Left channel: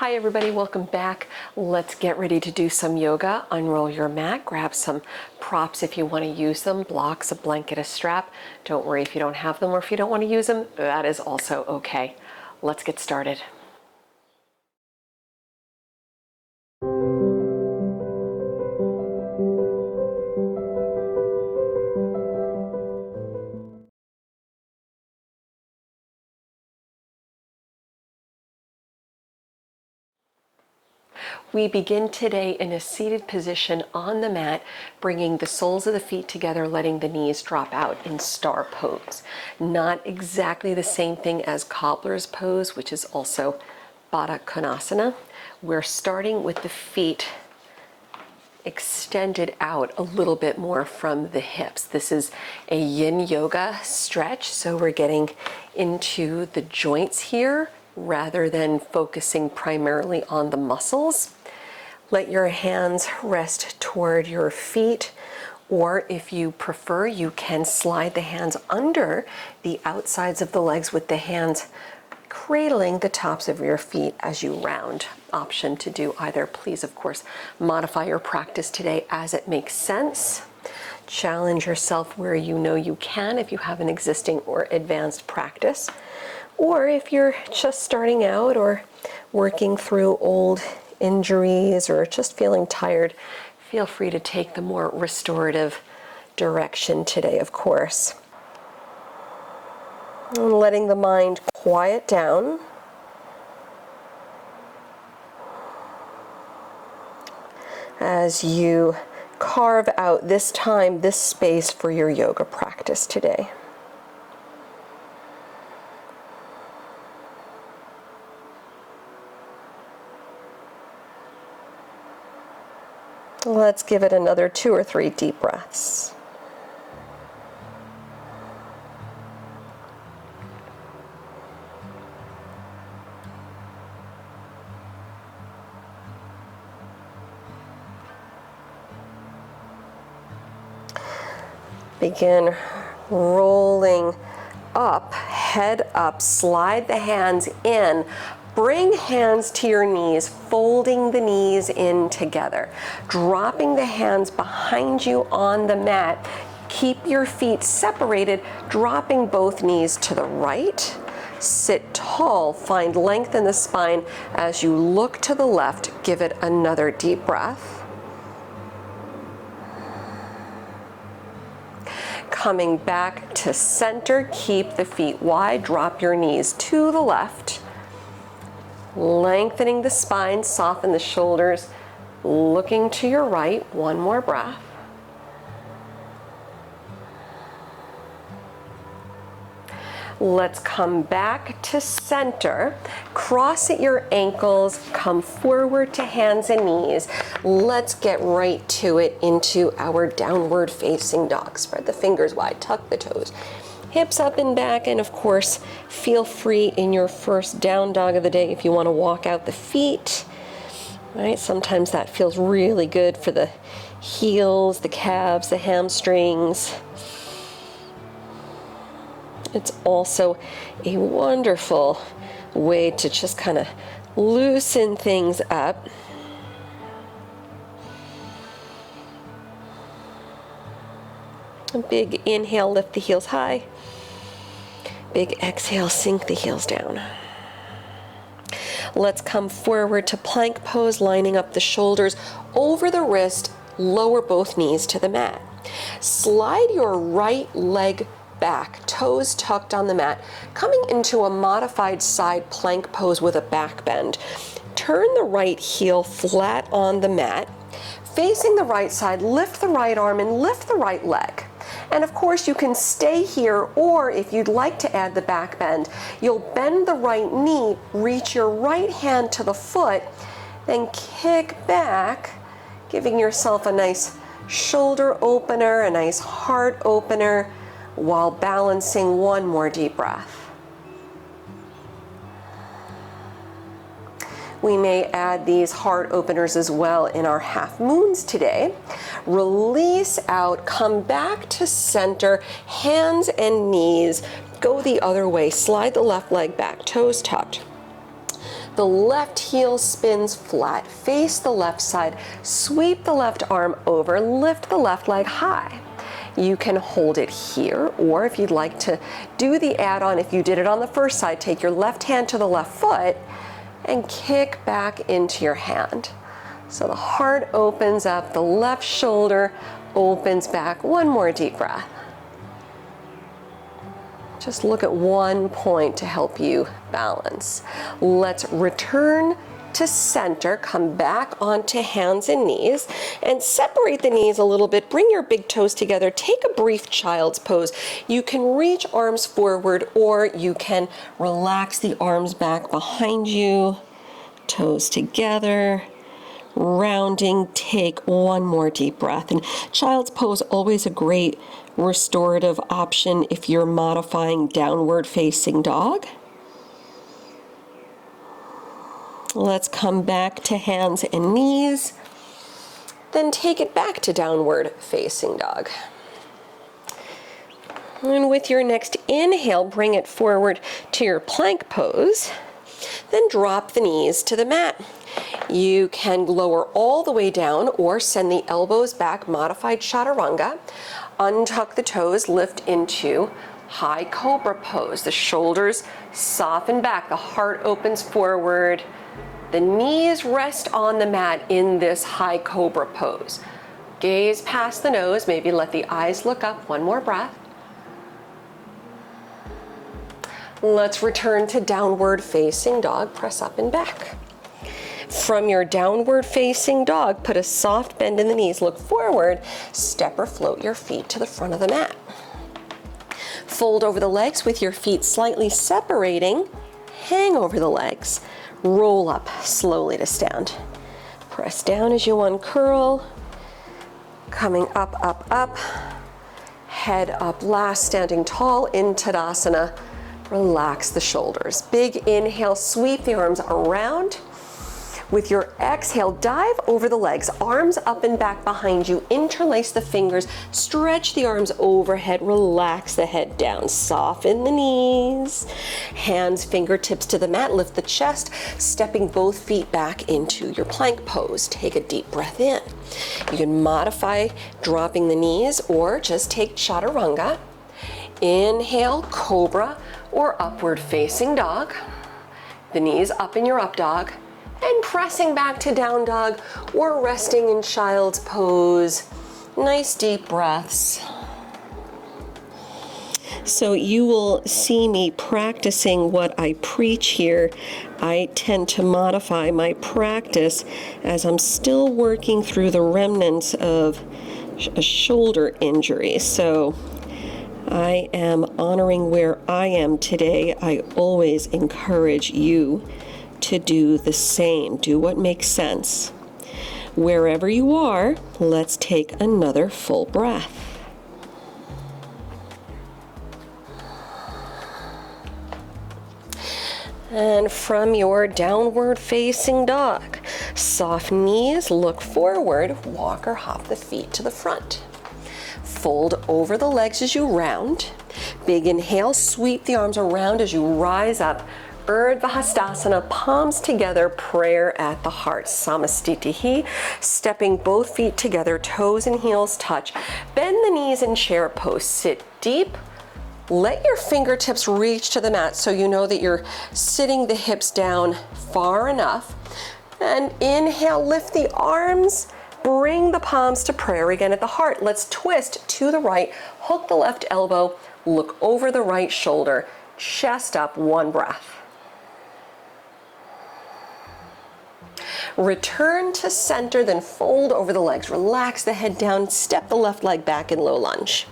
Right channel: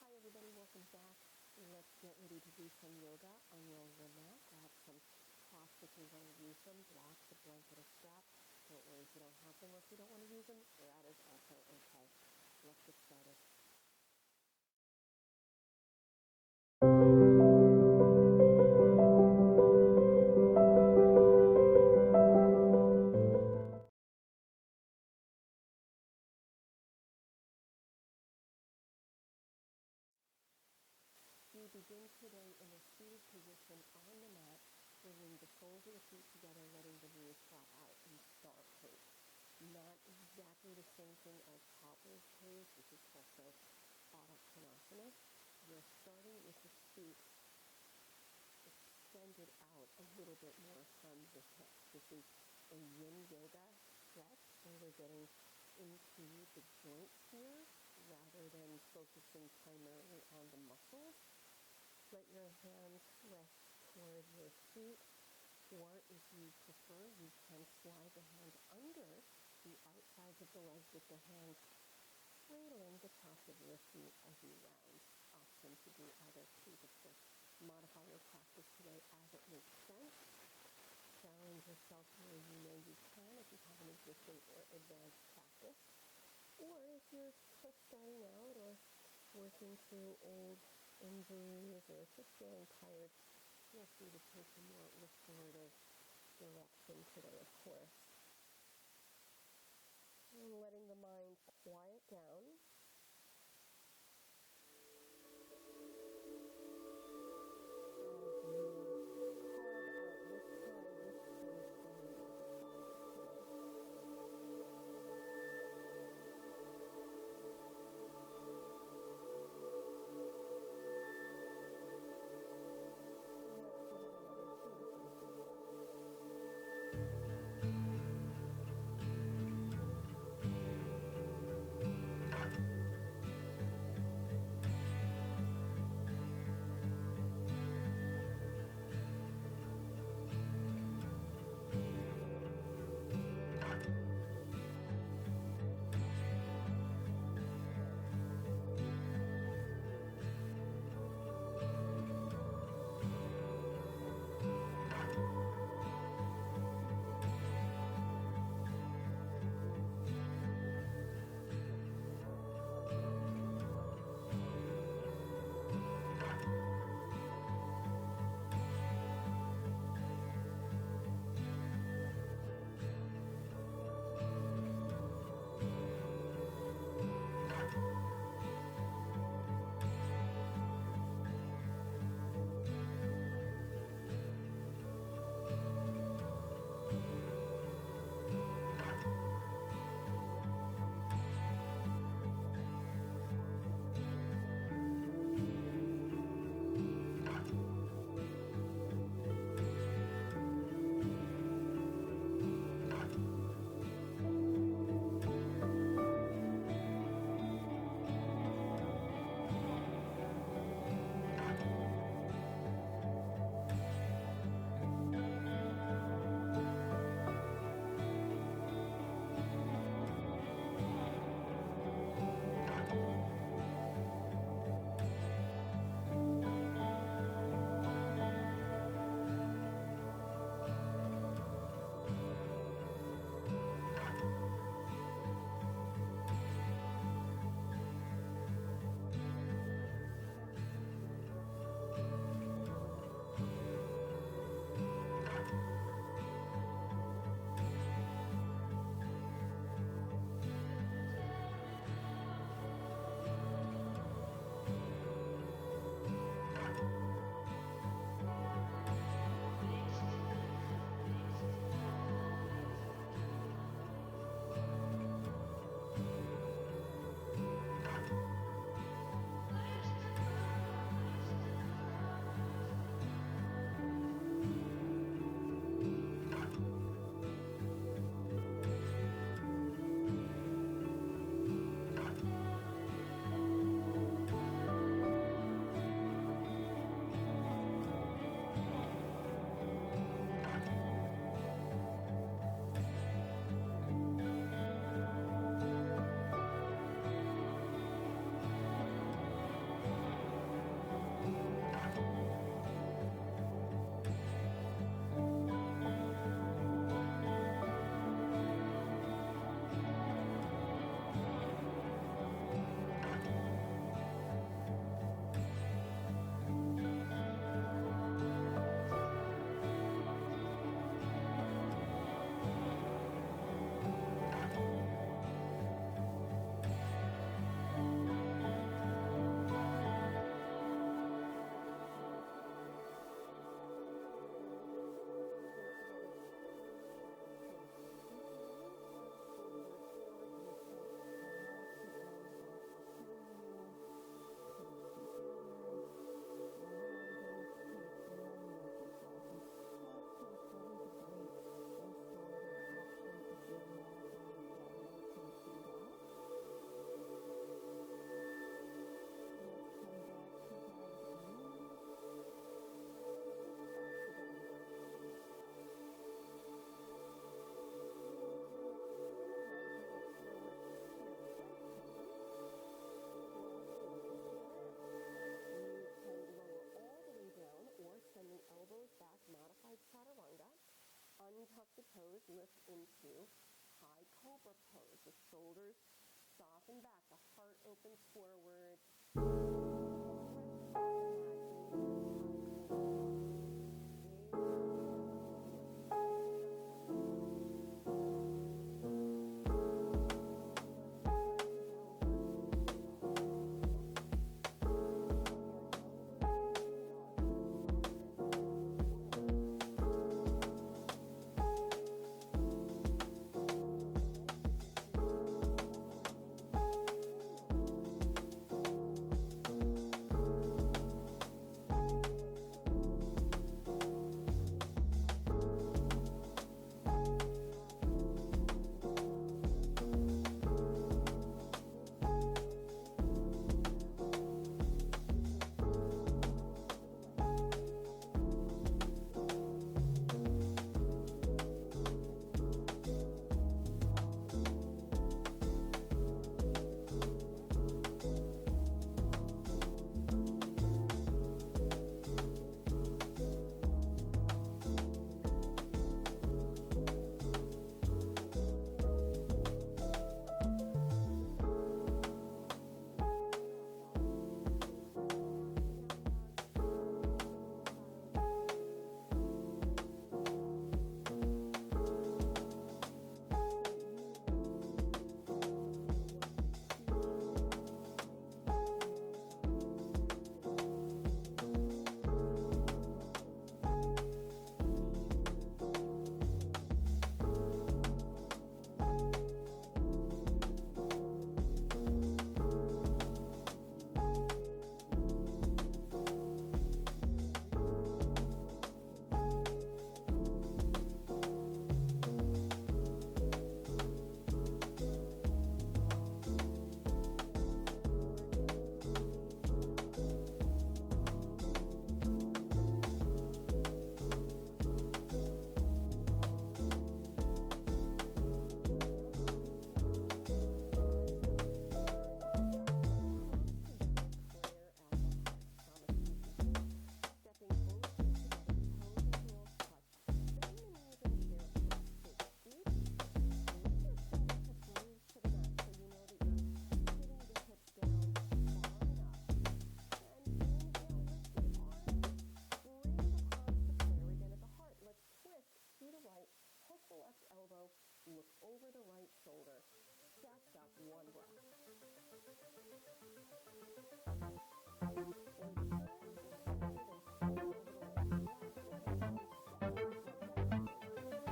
Hi everybody, welcome back. Let's get ready to do some yoga. Unroll your mat, grab some props if you want to use them, blocks, a blanket, a strap. Don't worry if you don't have them or if you don't want to use them, that is also okay. Let's get started. We begin today in a seated position on the mat, bringing the soles of the feet together, letting the knees drop out in star pose. Not exactly the same thing as cobbler's pose, which is also Baddha Konasana. We're starting with the feet extended out a little bit more from the hips. This is a yin yoga stretch, so we're getting into the joints here rather than focusing primarily on the muscles. Let your hands rest toward your feet, or if you prefer, you can slide the hands under the outsides of the legs with the hands cradling the tops of your feet as you round. Option to do either. Please, of course, modify your practice today as it makes sense. Challenge yourself where you know you can if you have an existing or advanced practice. Or if you're just starting out or working through old injuries or just feeling tired, feel free to take the more restorative direction today, of course. And letting the mind quiet down. As you carve out this time, this space for your yoga practice today. Let's give it another 2 or 3 deep breaths. Begin rolling up, head up, slide the hands in. Bring hands to your knees, folding the knees in together. Dropping the hands behind you on the mat. Keep your feet separated, dropping both knees to the right. Sit tall, find length in the spine. As you look to the left, give it another deep breath. Coming back to center, keep the feet wide, drop your knees to the left. Lengthening the spine, soften the shoulders, looking to your right. One more breath. Let's come back to center. Cross at your ankles, come forward to hands and knees. Let's get right to it into our downward facing dog. Spread the fingers wide, tuck the toes. Hips up and back, and of course, feel free in your first down dog of the day if you want to walk out the feet. Right? Sometimes that feels really good for the heels, the calves, the hamstrings. It's also a wonderful way to just kind of loosen things up. A big inhale, lift the heels high. Big exhale, sink the heels down. Let's come forward to plank pose, lining up the shoulders over the wrist, lower both knees to the mat. Slide your right leg back, toes tucked on the mat, coming into a modified side plank pose with a back bend. Turn the right heel flat on the mat. Facing the right side, lift the right arm and lift the right leg. And of course you can stay here, or if you'd like to add the back bend, you'll bend the right knee, reach your right hand to the foot, then kick back, giving yourself a nice shoulder opener, a nice heart opener, while balancing one more deep breath. We may add these heart openers as well in our half moons today. Release out, come back to center, hands and knees, go the other way, slide the left leg back, toes tucked. The left heel spins flat, face the left side, sweep the left arm over, lift the left leg high. You can hold it here, or if you'd like to do the add-on, if you did it on the first side, take your left hand to the left foot and kick back into your hand. So the heart opens up, the left shoulder opens back. One more deep breath. Just look at one point to help you balance. Let's return to center, come back onto hands and knees, and separate the knees a little bit. Bring your big toes together. Take a brief child's pose. You can reach arms forward, or you can relax the arms back behind you, toes together, rounding. Take one more deep breath. And child's pose, always a great restorative option if you're modifying downward facing dog. Let's come back to hands and knees, then take it back to downward facing dog. And with your next inhale, bring it forward to your plank pose, then drop the knees to the mat. You can lower all the way down or send the elbows back, modified chaturanga. Untuck the toes, lift into high cobra pose. The shoulders soften back, the heart opens forward. The knees rest on the mat in this high cobra pose. Gaze past the nose, maybe let the eyes look up. One more breath. Let's return to downward facing dog. Press up and back. From your downward facing dog, put a soft bend in the knees, look forward, step or float your feet to the front of the mat. Fold over the legs with your feet slightly separating, hang over the legs. Roll up slowly to stand. Press down as you uncurl. Coming up, up, up. Head up last, standing tall in Tadasana. Relax the shoulders. Big inhale, sweep the arms around. With your exhale, dive over the legs, arms up and back behind you, interlace the fingers, stretch the arms overhead, relax the head down, soften the knees, hands, fingertips to the mat, lift the chest, stepping both feet back into your plank pose. Take a deep breath in. You can modify dropping the knees or just take chaturanga. Inhale, cobra or upward facing dog. The knees up in your up dog. And pressing back to down dog or resting in child's pose. Nice deep breaths. So you will see me practicing what I preach here. I tend to modify my practice as I'm still working through the remnants of a shoulder injury. So I am honoring where I am today. I always encourage you to do the same. Do what makes sense. Wherever you are, let's take another full breath. And from your downward facing dog, soft knees, look forward, walk or hop the feet to the front. Fold over the legs as you round. Big inhale, sweep the arms around as you rise up. Urdhva Hastasana, palms together, prayer at the heart. Samastitihi, stepping both feet together, toes and heels touch. Bend the knees in chair pose. Sit deep. Let your fingertips reach to the mat so you know that you're sitting the hips down far enough. And inhale, lift the arms. Bring the palms to prayer again at the heart. Let's twist to the right. Hook the left elbow. Look over the right shoulder. Chest up. One breath. Return to center, then fold over the legs. Relax the head down, step the left leg back in low lunge.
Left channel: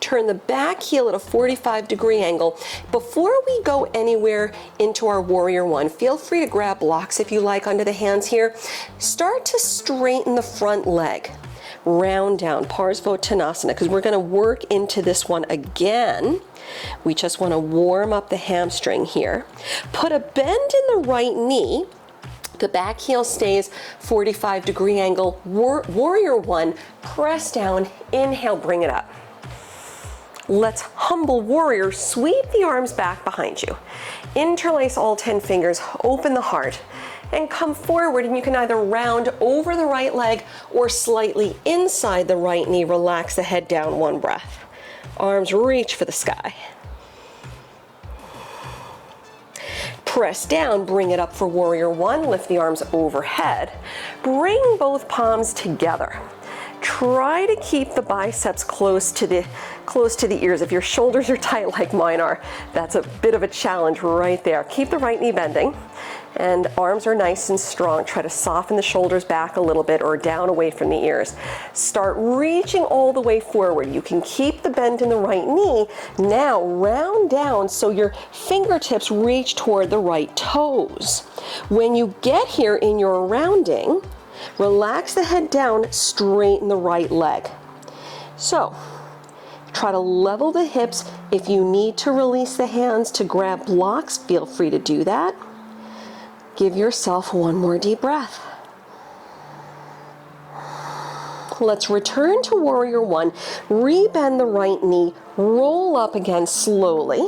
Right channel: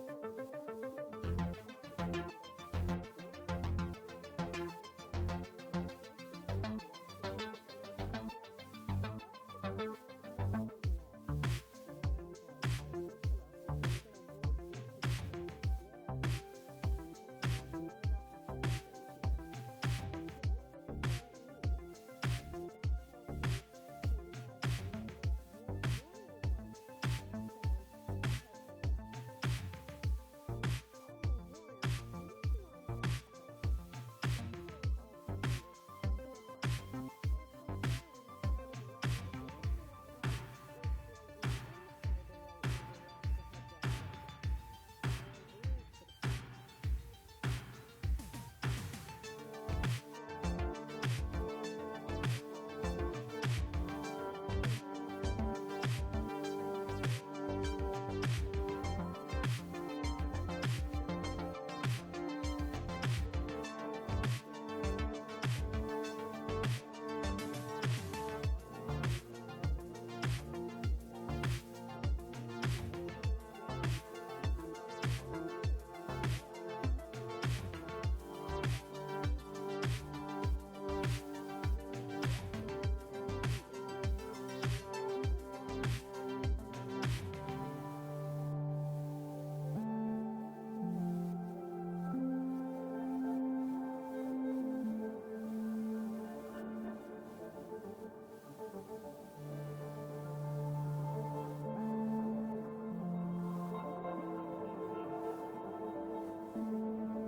Turn the back heel at a 45-degree angle. Before we go anywhere into our warrior one, feel free to grab blocks if you like under the hands here. Start to straighten the front leg. Round down, Parsvottanasana, because we're going to work into this one again. We just want to warm up the hamstring here. Put a bend in the right knee. The back heel stays 45-degree angle. Warrior one, press down, inhale, bring it up. Let's humble warrior, sweep the arms back behind you. Interlace all 10 fingers, open the heart, and come forward, and you can either round over the right leg or slightly inside the right knee. Relax the head down, one breath. Arms reach for the sky. Press down, bring it up for warrior one, lift the arms overhead. Bring both palms together. Try to keep the biceps close to the ears. If your shoulders are tight like mine are, that's a bit of a challenge right there. Keep the right knee bending, and arms are nice and strong. Try to soften the shoulders back a little bit or down away from the ears. Start reaching all the way forward. You can keep the bend in the right knee. Now round down so your fingertips reach toward the right toes. When you get here in your rounding, relax the head down, straighten the right leg. So, try to level the hips. If you need to release the hands to grab blocks, feel free to do that. Give yourself one more deep breath. Let's return to warrior one. Rebend the right knee, roll up again slowly.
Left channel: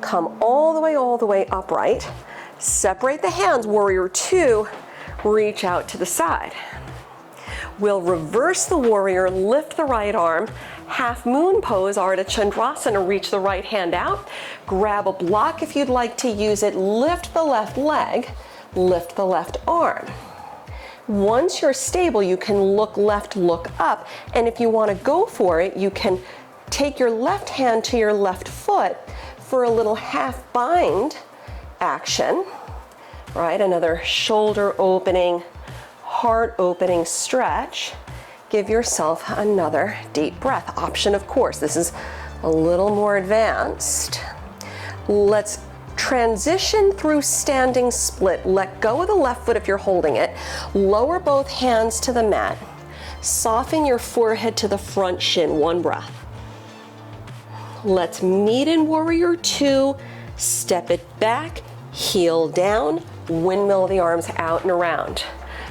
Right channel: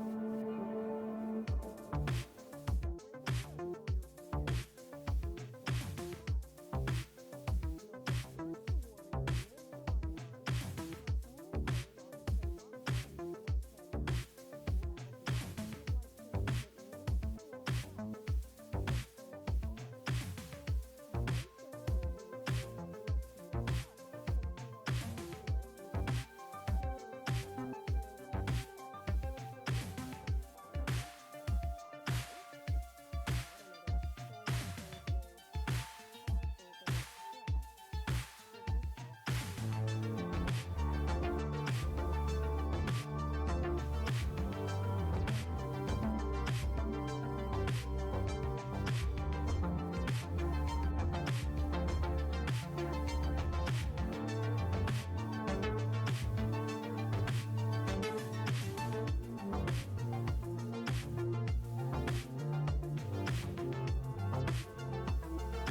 Come all the way upright. Separate the hands, warrior two. Reach out to the side. We'll reverse the warrior, lift the right arm, half moon pose, Ardha Chandrasana, reach the right hand out, grab a block if you'd like to use it, lift the left leg, lift the left arm. Once you're stable, you can look left, look up, and if you want to go for it, you can take your left hand to your left foot for a little half bind action. Right, another shoulder opening, heart opening stretch. Give yourself another deep breath. Option, of course, this is a little more advanced. Let's transition through standing split. Let go of the left foot if you're holding it. Lower both hands to the mat. Soften your forehead to the front shin, one breath. Let's meet in warrior two. Step it back, heel down, windmill the arms out and around.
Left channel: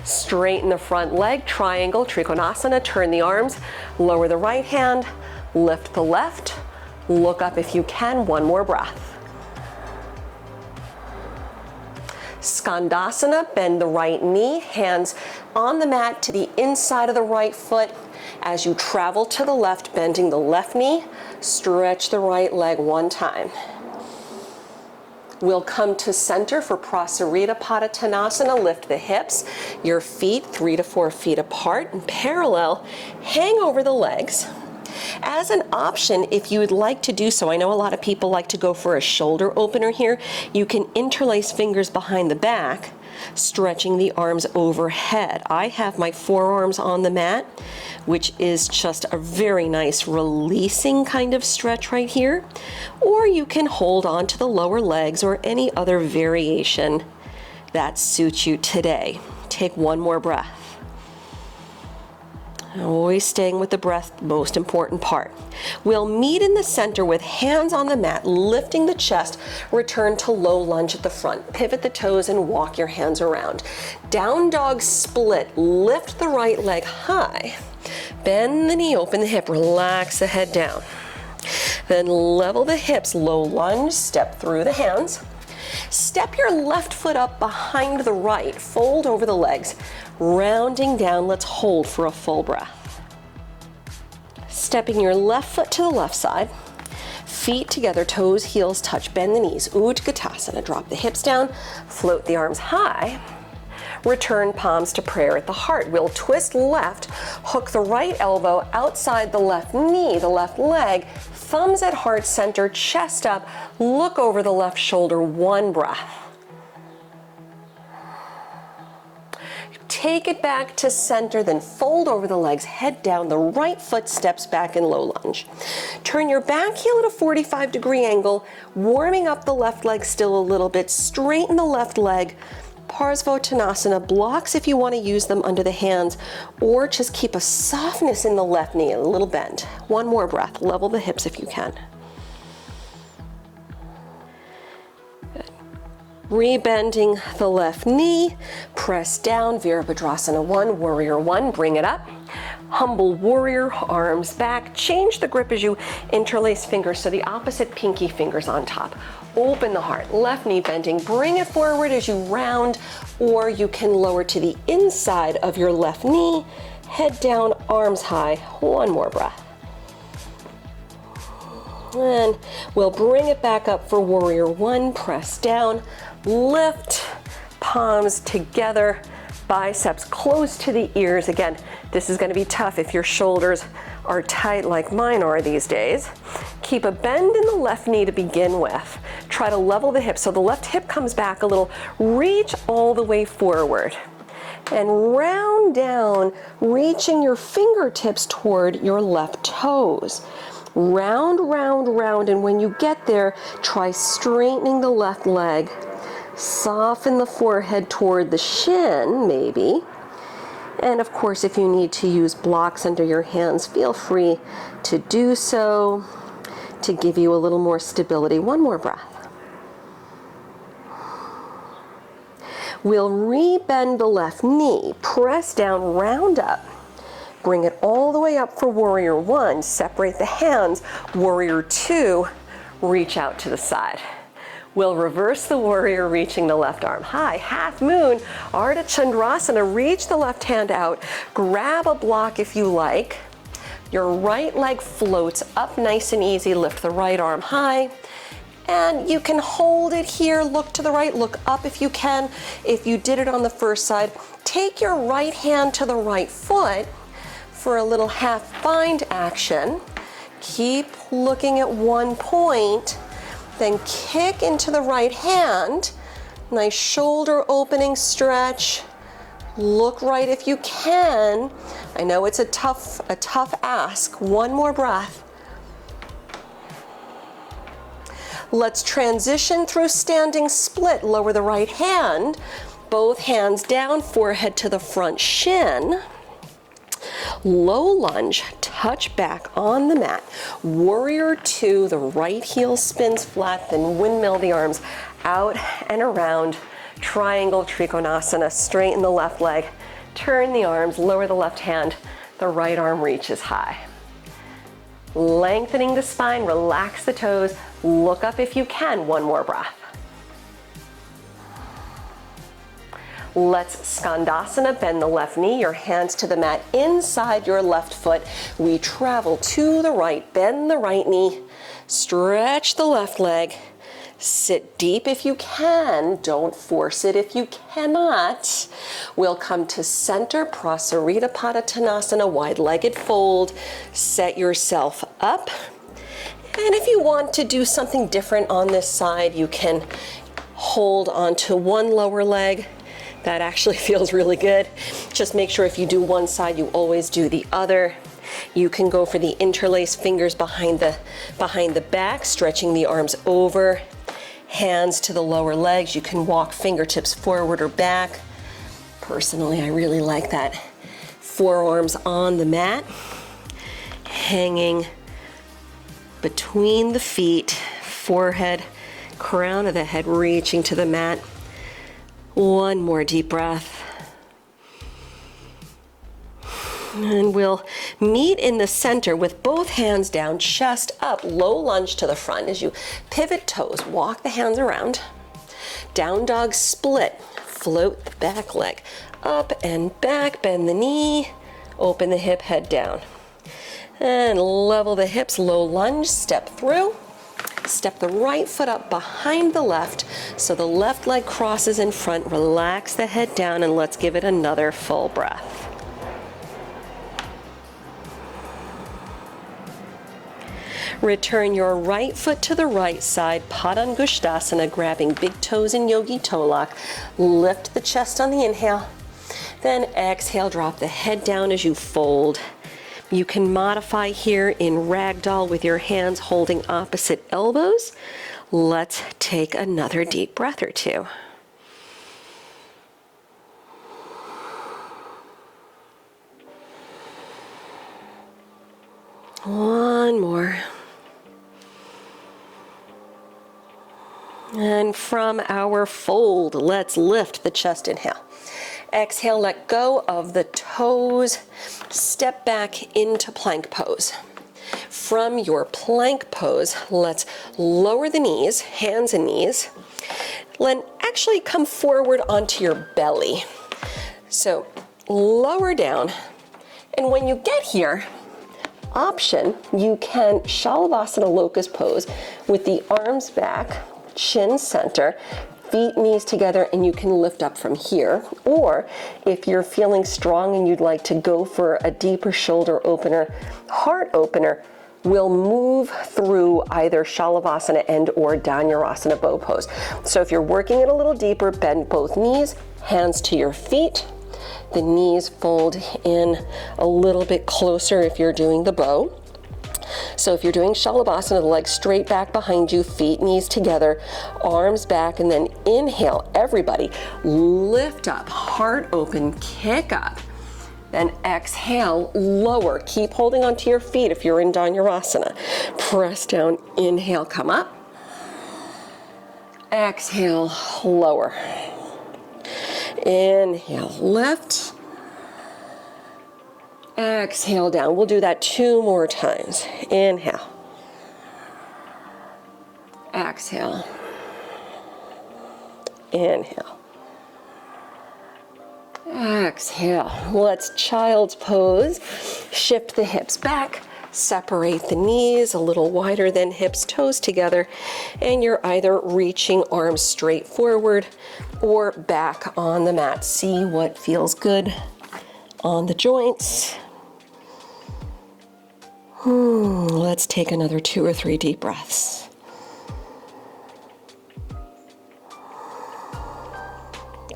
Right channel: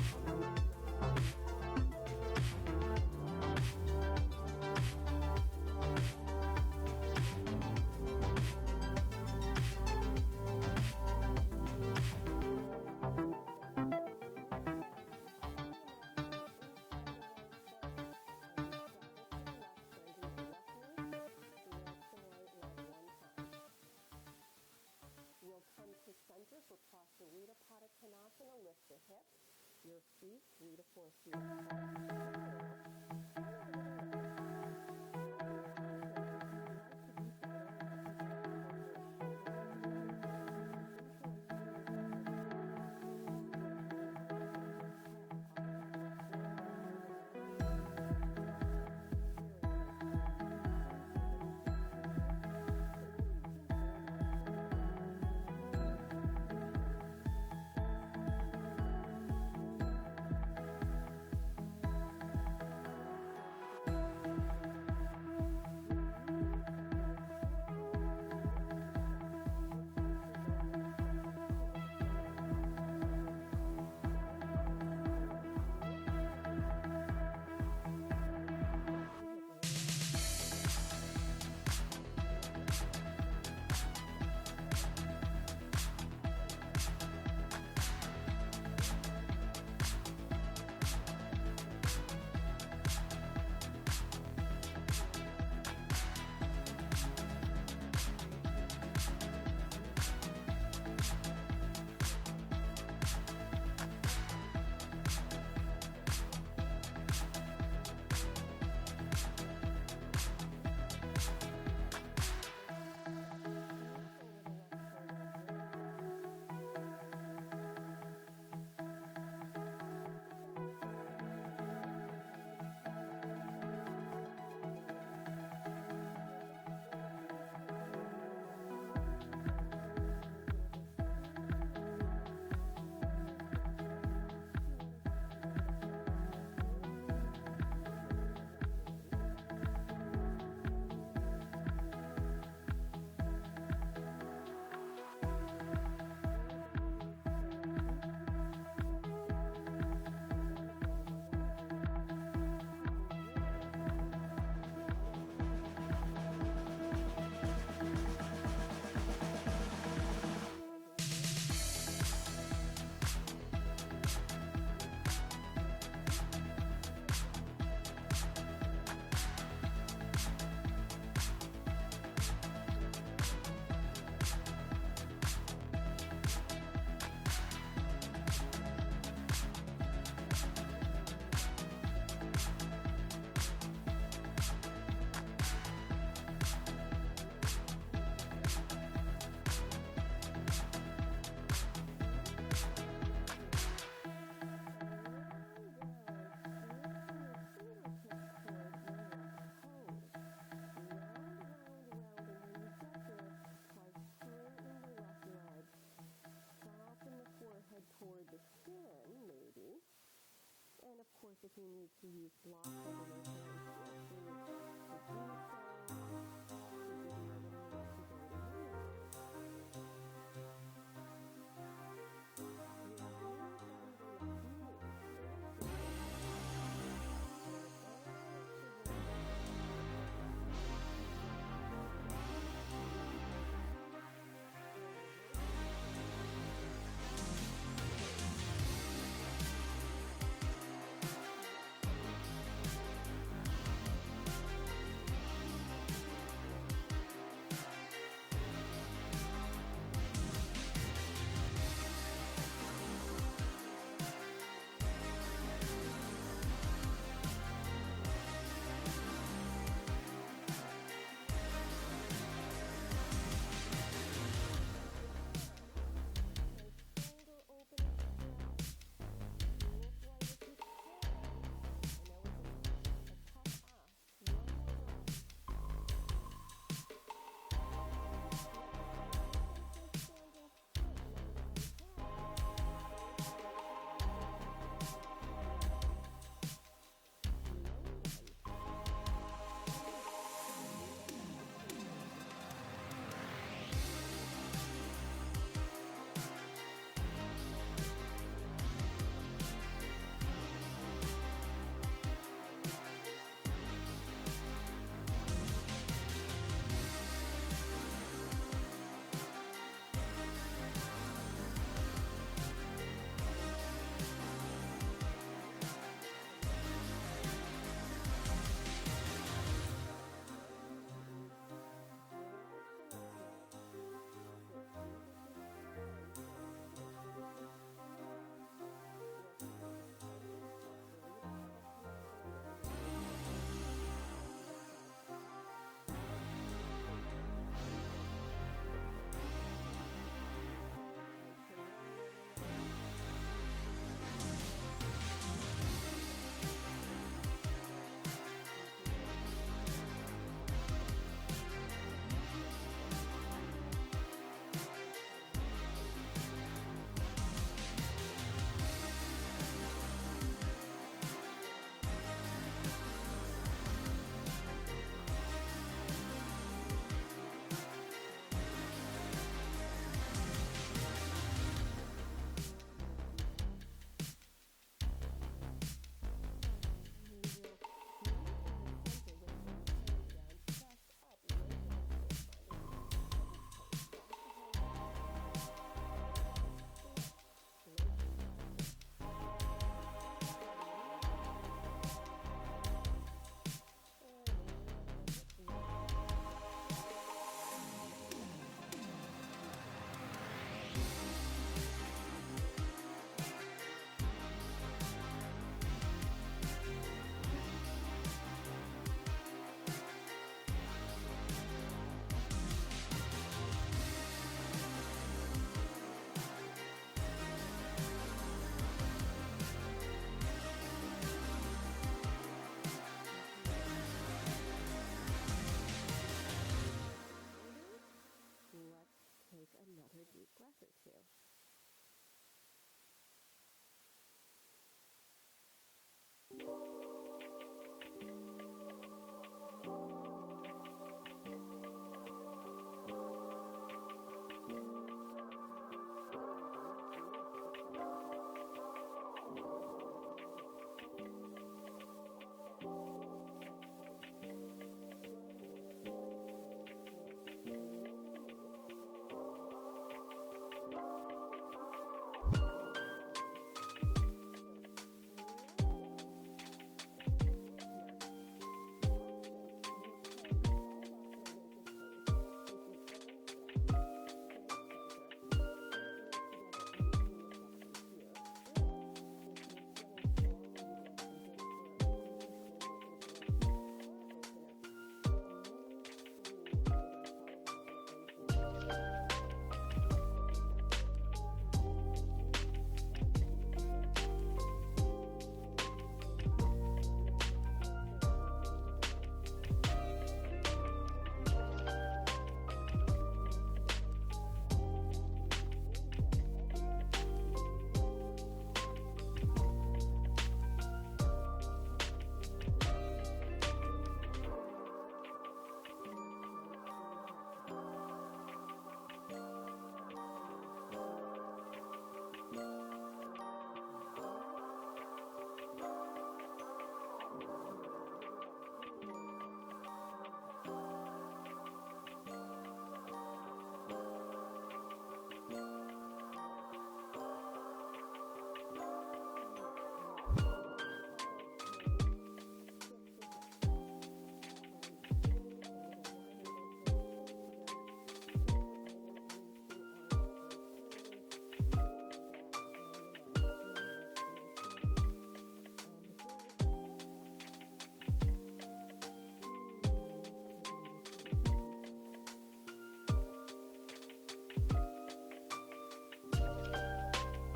Straighten the front leg, triangle, Trikonasana, turn the arms, lower the right hand, lift the left, look up if you can, one more breath. Skandasana, bend the right knee, hands on the mat to the inside of the right foot. As you travel to the left, bending the left knee, stretch the right leg one time. We'll come to center for Prasarita Padottanasana. Lift the hips, your feet 3 to 4 feet apart and parallel. Hang over the legs. As an option, if you would like to do so, I know a lot of people like to go for a shoulder opener here. You can interlace fingers behind the back, stretching the arms overhead. I have my forearms on the mat, which is just a very nice releasing kind of stretch right here. Or you can hold on to the lower legs or any other variation that suits you today. Take one more breath. Always staying with the breath, most important part. We'll meet in the center with hands on the mat, lifting the chest, return to low lunge at the front. Pivot the toes and walk your hands around. Down dog split, lift the right leg high. Bend the knee, open the hip, relax the head down. Then level the hips, low lunge, step through the hands. Step your left foot up behind the right, fold over the legs. Rounding down, let's hold for a full breath. Stepping your left foot to the left side, feet together, toes, heels touch, bend the knees, Utkatasana, drop the hips down, float the arms high, return palms to prayer at the heart. We'll twist left, hook the right elbow outside the left knee, the left leg, thumbs at heart center, chest up, look over the left shoulder, one breath. Take it back to center, then fold over the legs, head down, the right foot steps back in low lunge. Turn your back heel at a 45-degree angle, warming up the left leg still a little bit, straighten the left leg, Parsvottanasana, blocks if you want to use them under the hands, or just keep a softness in the left knee, a little bend. One more breath, level the hips if you can. Rebending the left knee, press down, Virabhadrasana 1, warrior 1, bring it up. Humble warrior, arms back. Change the grip as you interlace fingers, so the opposite pinky fingers on top. Open the heart, left knee bending. Bring it forward as you round, or you can lower to the inside of your left knee. Head down, arms high. One more breath. And we'll bring it back up for warrior one. Press down, lift, palms together, biceps close to the ears. Again, this is going to be tough if your shoulders are tight like mine are these days. Keep a bend in the left knee to begin with. Try to level the hips so the left hip comes back a little. Reach all the way forward. And round down, reaching your fingertips toward your left toes. Round, round, round, and when you get there, try straightening the left leg. Soften the forehead toward the shin, maybe. And of course, if you need to use blocks under your hands, feel free to do so to give you a little more stability. One more breath. We'll re-bend the left knee, press down, round up. Bring it all the way up for warrior one. Separate the hands. Warrior two, reach out to the side. We'll reverse the warrior, reaching the left arm high. Half moon, Ardha Chandrasana. Reach the left hand out. Grab a block if you like. Your right leg floats up nice and easy. Lift the right arm high. And you can hold it here. Look to the right, look up if you can. If you did it on the first side, take your right hand to the right foot for a little half bind action. Keep looking at one point. Then kick into the right hand. Nice shoulder opening stretch. Look right if you can. I know it's a tough ask. One more breath. Let's transition through standing split. Lower the right hand. Both hands down, forehead to the front shin. Low lunge, touch back on the mat. Warrior two, the right heel spins flat, then windmill the arms out and around. Triangle Trikonasana, straighten the left leg, turn the arms, lower the left hand, the right arm reaches high. Lengthening the spine, relax the toes, look up if you can, one more breath. Let's Skandasana, bend the left knee, your hands to the mat inside your left foot. We travel to the right, bend the right knee, stretch the left leg, sit deep if you can, don't force it if you cannot. We'll come to center, Prasarita Padottanasana, wide-legged fold, set yourself up. And if you want to do something different on this side, you can hold onto one lower leg. That actually feels really good. Just make sure if you do one side, you always do the other. You can go for the interlaced fingers behind the back, stretching the arms over, hands to the lower legs. You can walk fingertips forward or back. Personally, I really like that. Forearms on the mat, hanging between the feet, forehead, crown of the head reaching to the mat. One more deep breath. And we'll meet in the center with both hands down, chest up, low lunge to the front. As you pivot toes, walk the hands around. Down dog split, float the back leg. Up and back, bend the knee, open the hip, head down. And level the hips, low lunge, step through. Step the right foot up behind the left so the left leg crosses in front. Relax the head down and let's give it another full breath. Return your right foot to the right side, Padangusthasana, grabbing big toes in Yogi Toe Lock. Lift the chest on the inhale. Then exhale, drop the head down as you fold. You can modify here in Ragdoll with your hands holding opposite elbows. Let's take another deep breath or two. One more. And from our fold, let's lift the chest, inhale. Exhale, let go of the toes. Step back into plank pose. From your plank pose, let's lower the knees, hands and knees. Then actually come forward onto your belly. So lower down, and when you get here, option, you can Shalavasana locust pose with the arms back, chin center, feet, knees together, and you can lift up from here. Or if you're feeling strong and you'd like to go for a deeper shoulder opener, heart opener, we'll move through either Shalavasana and or Dhanurasana bow pose. So if you're working it a little deeper, bend both knees, hands to your feet. The knees fold in a little bit closer if you're doing the bow. So if you're doing Shalavasana, the legs straight back behind you, feet, knees together, arms back, and then inhale, everybody, lift up, heart open, kick up. Then exhale, lower, keep holding onto your feet if you're in Dhanurasana. Press down, inhale, come up. Exhale, lower. Inhale, lift. Exhale down. We'll do that 2 more times. Inhale. Exhale. Inhale. Exhale. Let's child's pose. Shift the hips back. Separate the knees a little wider than hips, toes together, and you're either reaching arms straight forward or back on the mat. See what feels good on the joints. Let's take another 2 or 3 deep breaths.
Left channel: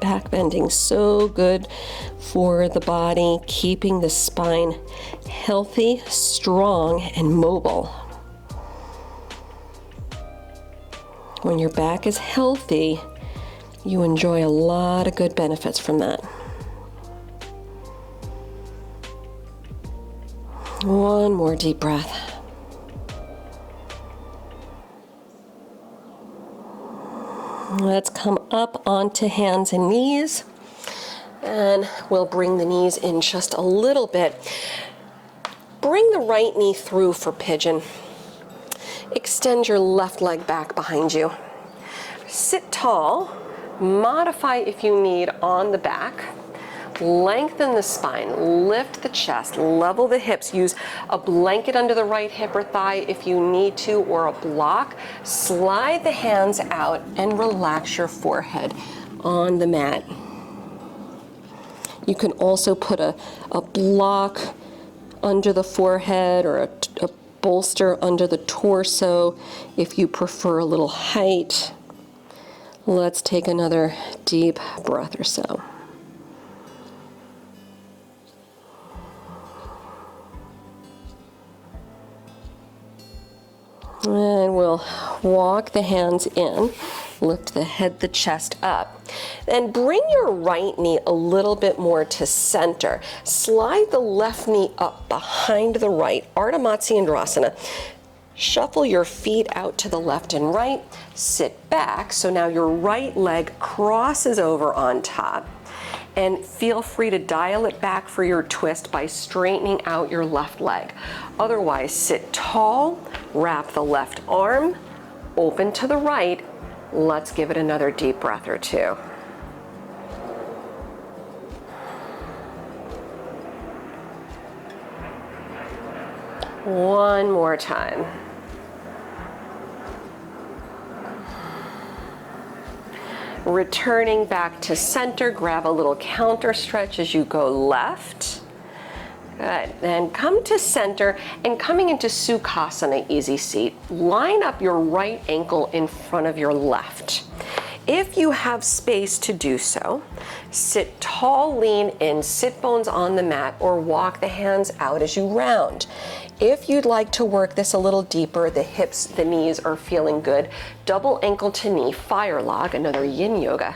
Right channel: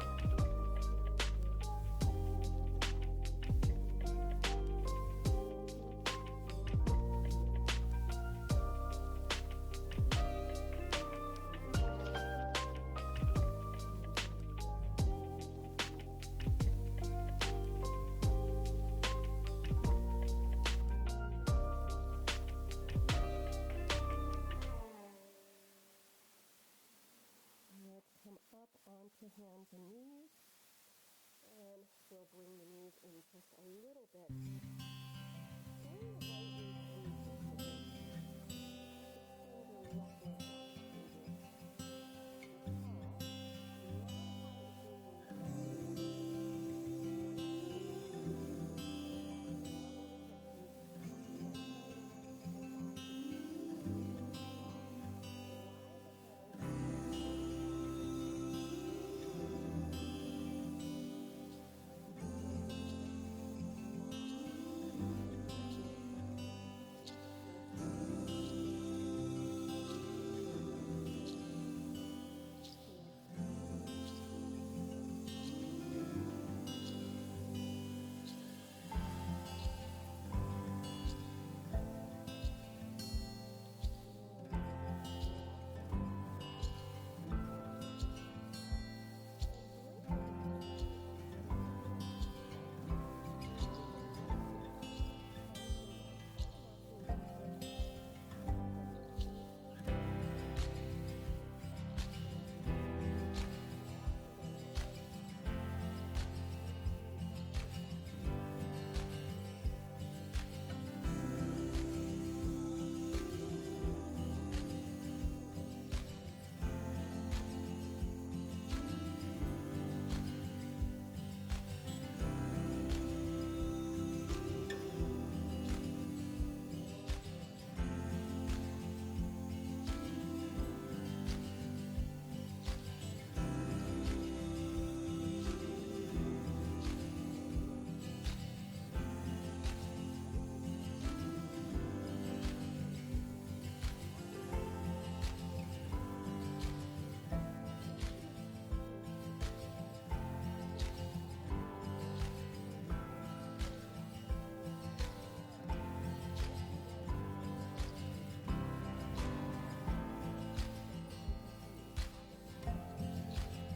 Back bending, so good for the body, keeping the spine healthy, strong, and mobile. When your back is healthy, you enjoy a lot of good benefits from that. One more deep breath. Let's come up onto hands and knees, and we'll bring the knees in just a little bit. Bring the right knee through for pigeon. Extend your left leg back behind you. Sit tall, modify if you need on the back. Lengthen the spine, lift the chest, level the hips. Use a blanket under the right hip or thigh if you need to, or a block. Slide the hands out and relax your forehead on the mat. You can also put a block under the forehead or a bolster under the torso if you prefer a little height. Let's take another deep breath or so. And we'll walk the hands in, lift the head, the chest up. Then bring your right knee a little bit more to center. Slide the left knee up behind the right, Ardha Matsyendrasana. Shuffle your feet out to the left and right. Sit back, so now your right leg crosses over on top. And feel free to dial it back for your twist by straightening out your left leg. Otherwise, sit tall, wrap the left arm, open to the right. Let's give it another deep breath or 2. One more time. Returning back to center, grab a little counter stretch as you go left. Good. Then come to center, and coming into Sukhasana, easy seat, line up your right ankle in front of your left. If you have space to do so, sit tall, lean in, sit bones on the mat, or walk the hands out as you round. If you'd like to work this a little deeper, the hips, the knees are feeling good, double ankle to knee, fire log, another yin yoga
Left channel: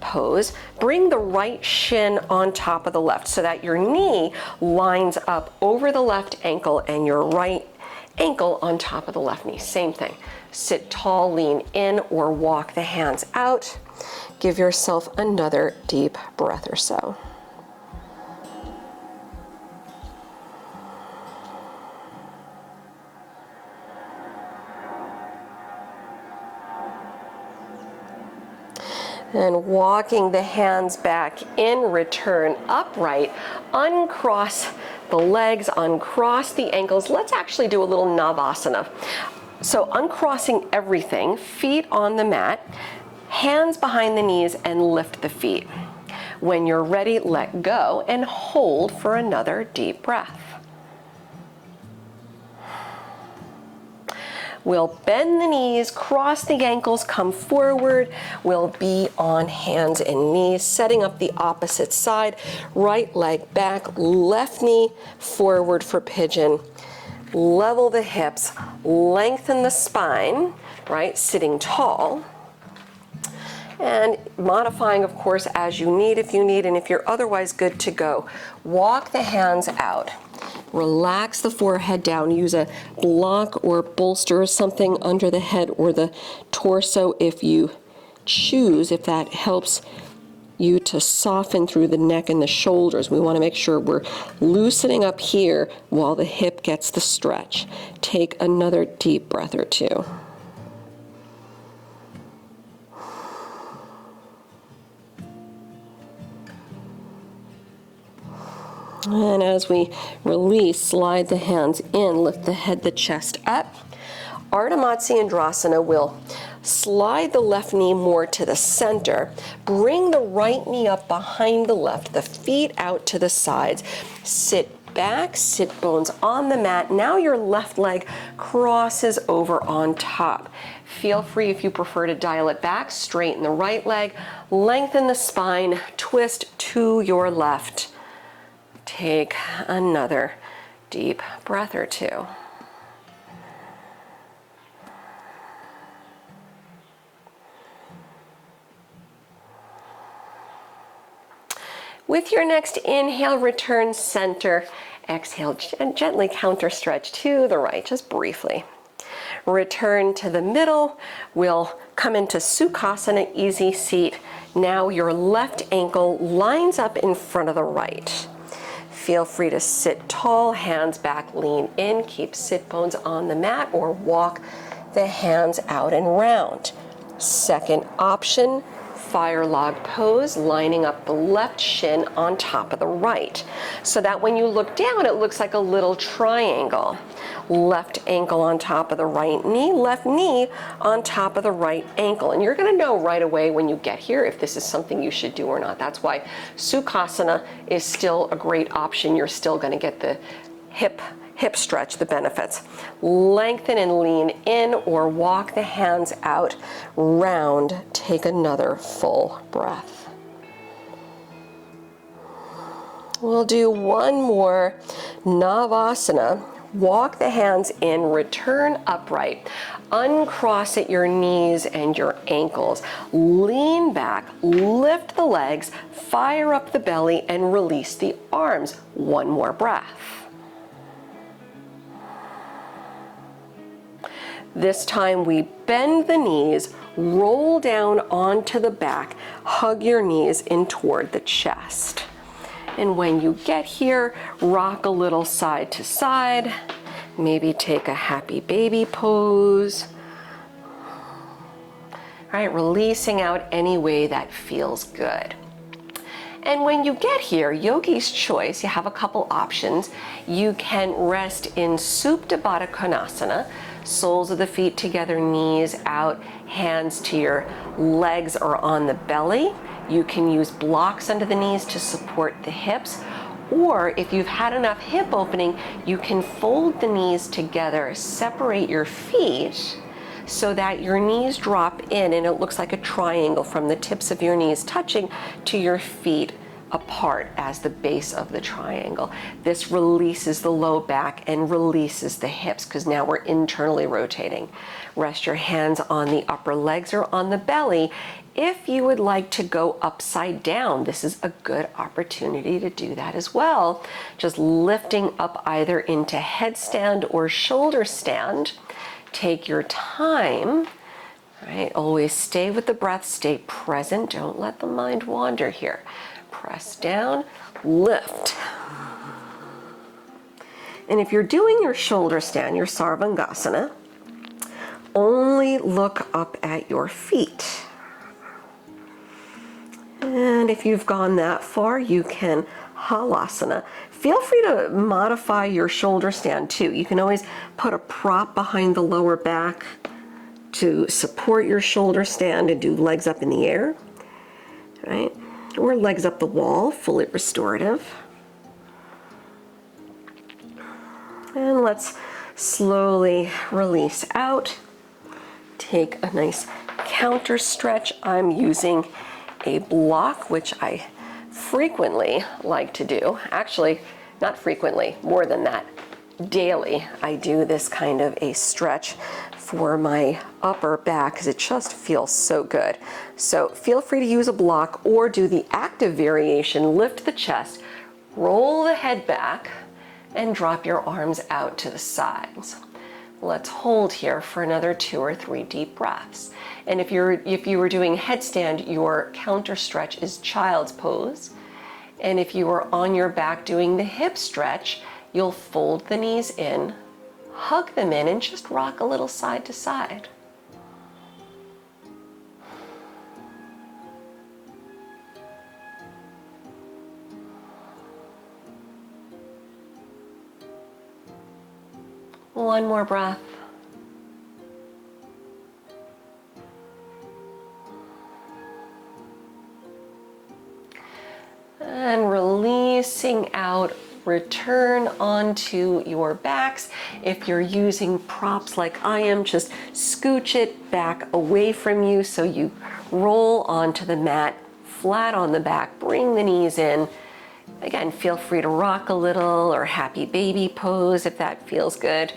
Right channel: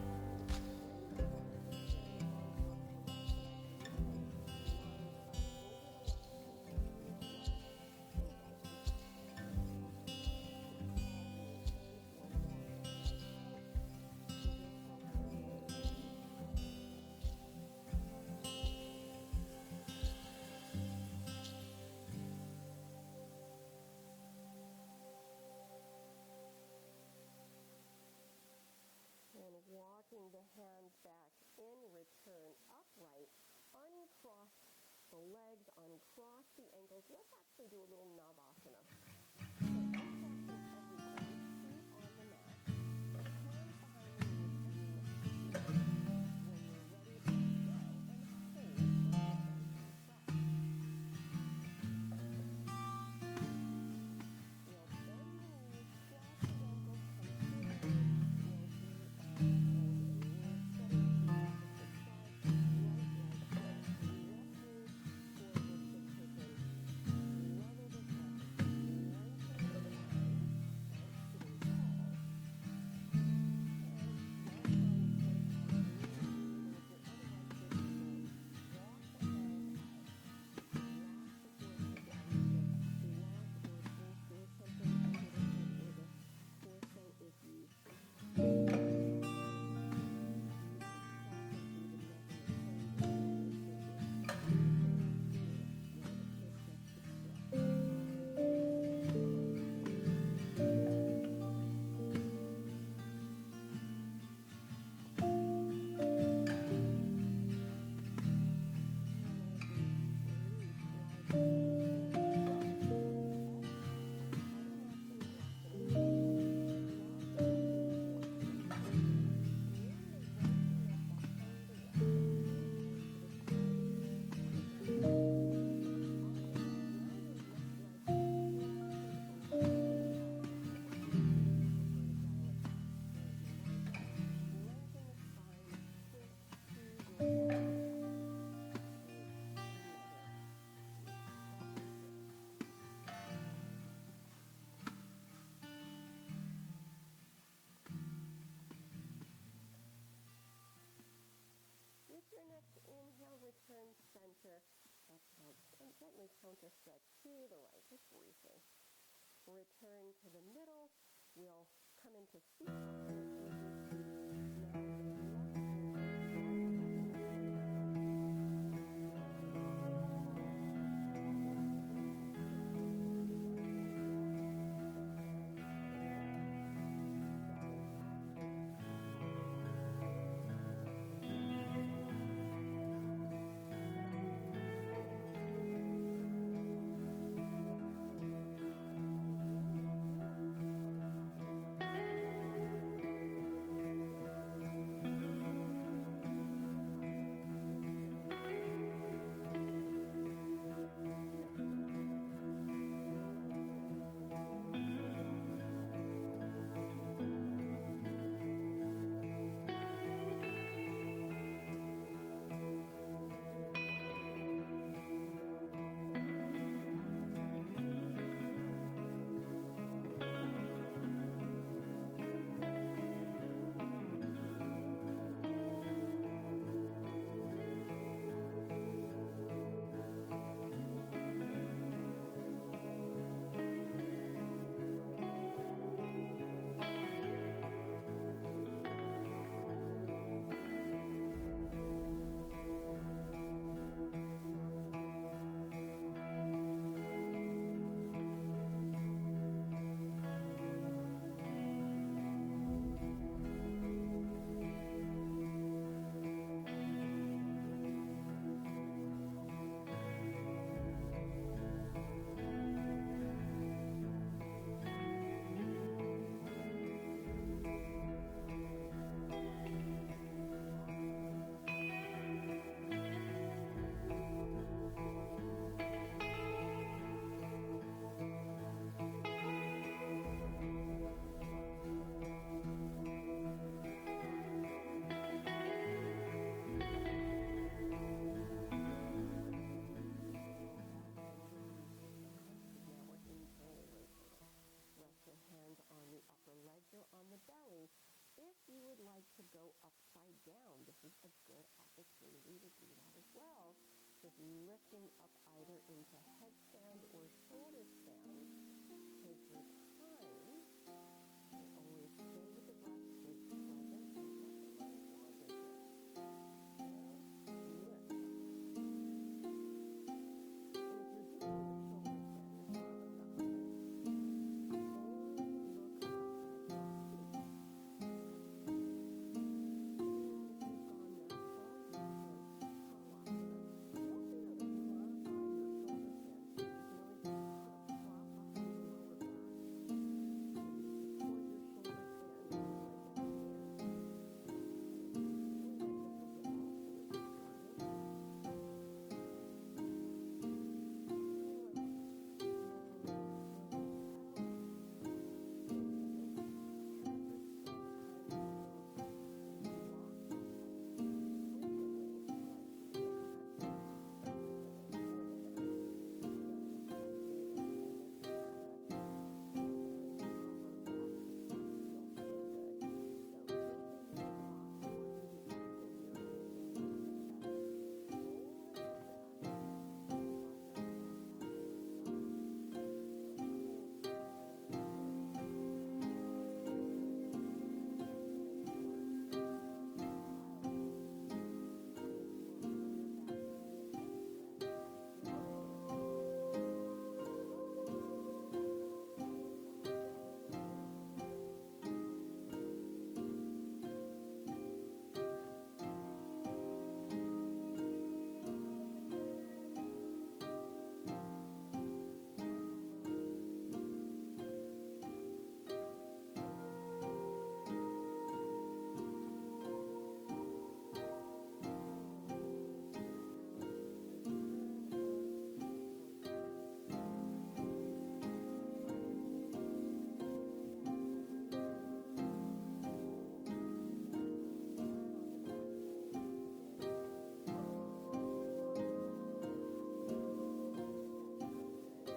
pose. Bring the right shin on top of the left so that your knee lines up over the left ankle and your right ankle on top of the left knee. Same thing. Sit tall, lean in, or walk the hands out. Give yourself another deep breath or so. And walking the hands back in, return upright, uncross the legs, uncross the ankles. Let's actually do a little Navasana. So uncrossing everything, feet on the mat, hands behind the knees, and lift the feet. When you're ready, let go and hold for another deep breath. We'll bend the knees, cross the ankles, come forward. We'll be on hands and knees, setting up the opposite side. Right leg back, left knee forward for pigeon. Level the hips, lengthen the spine, right? Sitting tall. And modifying, of course, as you need, if you need, and if you're otherwise good to go. Walk the hands out. Relax the forehead down. Use a block or bolster or something under the head or the torso if you choose, if that helps you to soften through the neck and the shoulders. We want to make sure we're loosening up here while the hip gets the stretch. Take another deep breath or two. And as we release, slide the hands in, lift the head, the chest up. Ardha Matsyendrasana will slide the left knee more to the center. Bring the right knee up behind the left, the feet out to the sides. Sit back, sit bones on the mat. Now your left leg crosses over on top. Feel free, if you prefer, to dial it back, straighten the right leg, lengthen the spine, twist to your left. Take another deep breath or two. With your next inhale, return center. Exhale, gently counter stretch to the right, just briefly. Return to the middle. We'll come into Sukhasana, easy seat. Now your left ankle lines up in front of the right. Feel free to sit tall, hands back, lean in, keep sit bones on the mat, or walk the hands out and round. Second option, fire log pose, lining up the left shin on top of the right, so that when you look down, it looks like a little triangle. Left ankle on top of the right knee, left knee on top of the right ankle. And you're gonna know right away when you get here if this is something you should do or not. That's why Sukhasana is still a great option. You're still gonna get the hip stretch, the benefits. Lengthen and lean in, or walk the hands out, round. Take another full breath. We'll do one more Navasana. Walk the hands in, return upright. Uncross at your knees and your ankles. Lean back, lift the legs, fire up the belly, and release the arms. One more breath. This time we bend the knees, roll down onto the back, hug your knees in toward the chest. And when you get here, rock a little side to side. Maybe take a happy baby pose. All right, releasing out any way that feels good. And when you get here, yogi's choice, you have a couple options. You can rest in Supta Baddha Konasana, soles of the feet together, knees out, hands to your legs or on the belly. You can use blocks under the knees to support the hips, or if you've had enough hip opening, you can fold the knees together, separate your feet so that your knees drop in and it looks like a triangle from the tips of your knees touching to your feet apart as the base of the triangle. This releases the low back and releases the hips because now we're internally rotating. Rest your hands on the upper legs or on the belly. If you would like to go upside down, this is a good opportunity to do that as well. Just lifting up either into headstand or shoulder stand. Take your time. Right, always stay with the breath, stay present, don't let the mind wander here. Press down, lift. And if you're doing your shoulder stand, your Sarvangasana, only look up at your feet. And if you've gone that far, you can Halasana. Feel free to modify your shoulder stand too. You can always put a prop behind the lower back to support your shoulder stand and do legs up in the air, right? Or legs up the wall, fully restorative. And let's slowly release out. Take a nice counter stretch. I'm using a block, which I frequently like to do. Actually, not frequently, more than that. Daily, I do this kind of a stretch for my upper back because it just feels so good. So feel free to use a block or do the active variation, lift the chest, roll the head back, and drop your arms out to the sides. Let's hold here for another 2 or 3 deep breaths. And if you were doing headstand, your counter stretch is child's pose. And if you are on your back doing the hip stretch, you'll fold the knees in, hug them in, and just rock a little side to side. One more breath. And releasing out, return onto your backs. If you're using props like I am, just scooch it back away from you so you roll onto the mat, flat on the back, bring the knees in. Again, feel free to rock a little or happy baby pose if that feels good.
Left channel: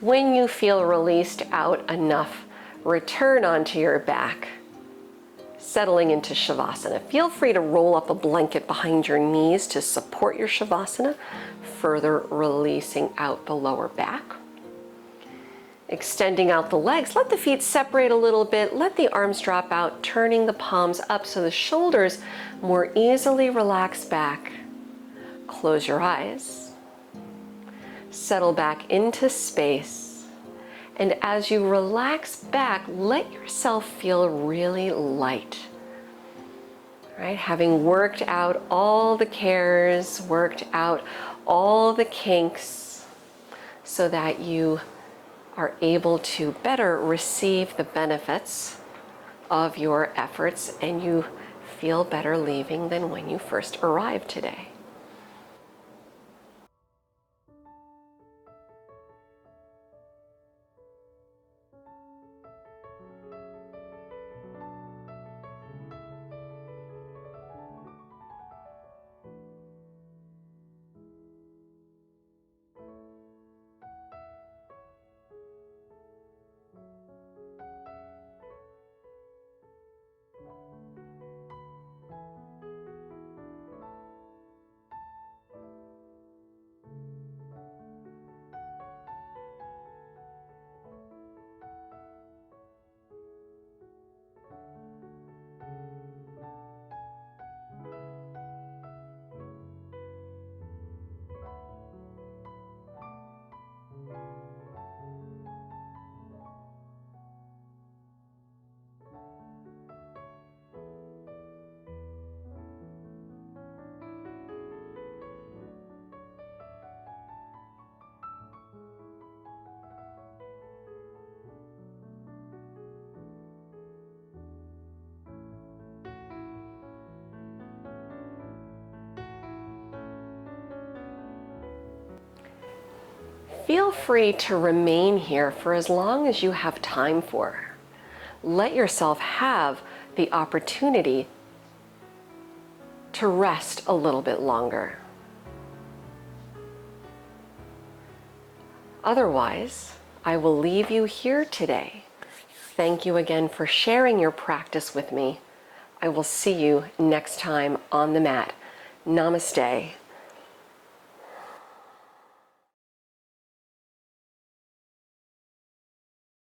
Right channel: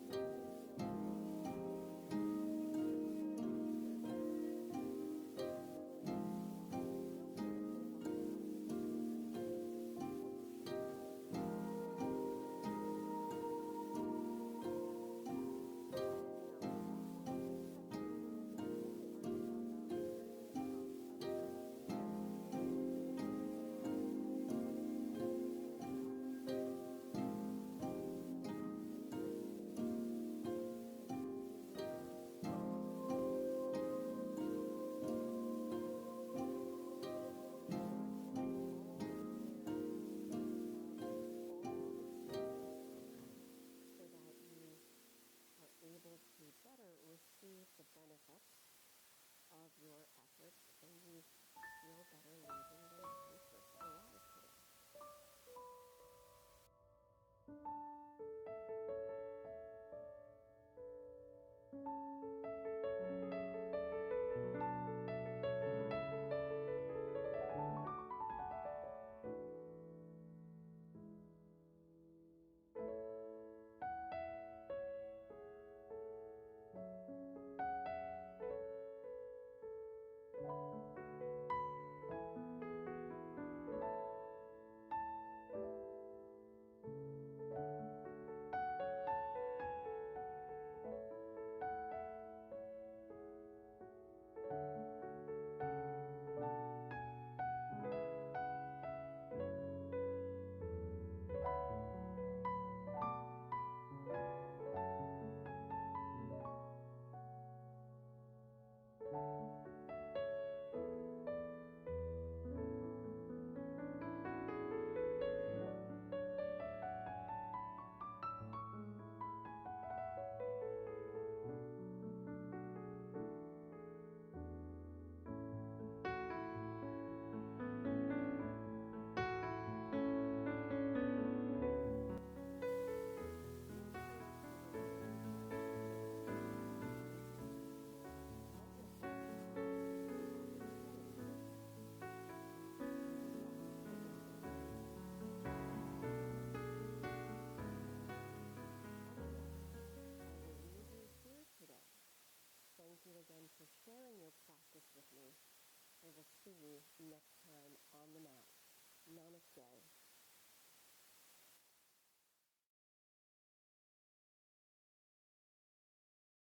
When you feel released out enough, return onto your back, settling into Shavasana. Feel free to roll up a blanket behind your knees to support your Shavasana, further releasing out the lower back. Extending out the legs, let the feet separate a little bit, let the arms drop out, turning the palms up so the shoulders more easily relax back. Close your eyes. Settle back into space. And as you relax back, let yourself feel really light. Right? Having worked out all the cares, worked out all the kinks, so that you are able to better receive the benefits of your efforts and you feel better leaving than when you first arrived today. Feel free to remain here for as long as you have time for. Let yourself have the opportunity to rest a little bit longer. Otherwise, I will leave you here today. Thank you again for sharing your practice with me. I will see you next time on the mat. Namaste.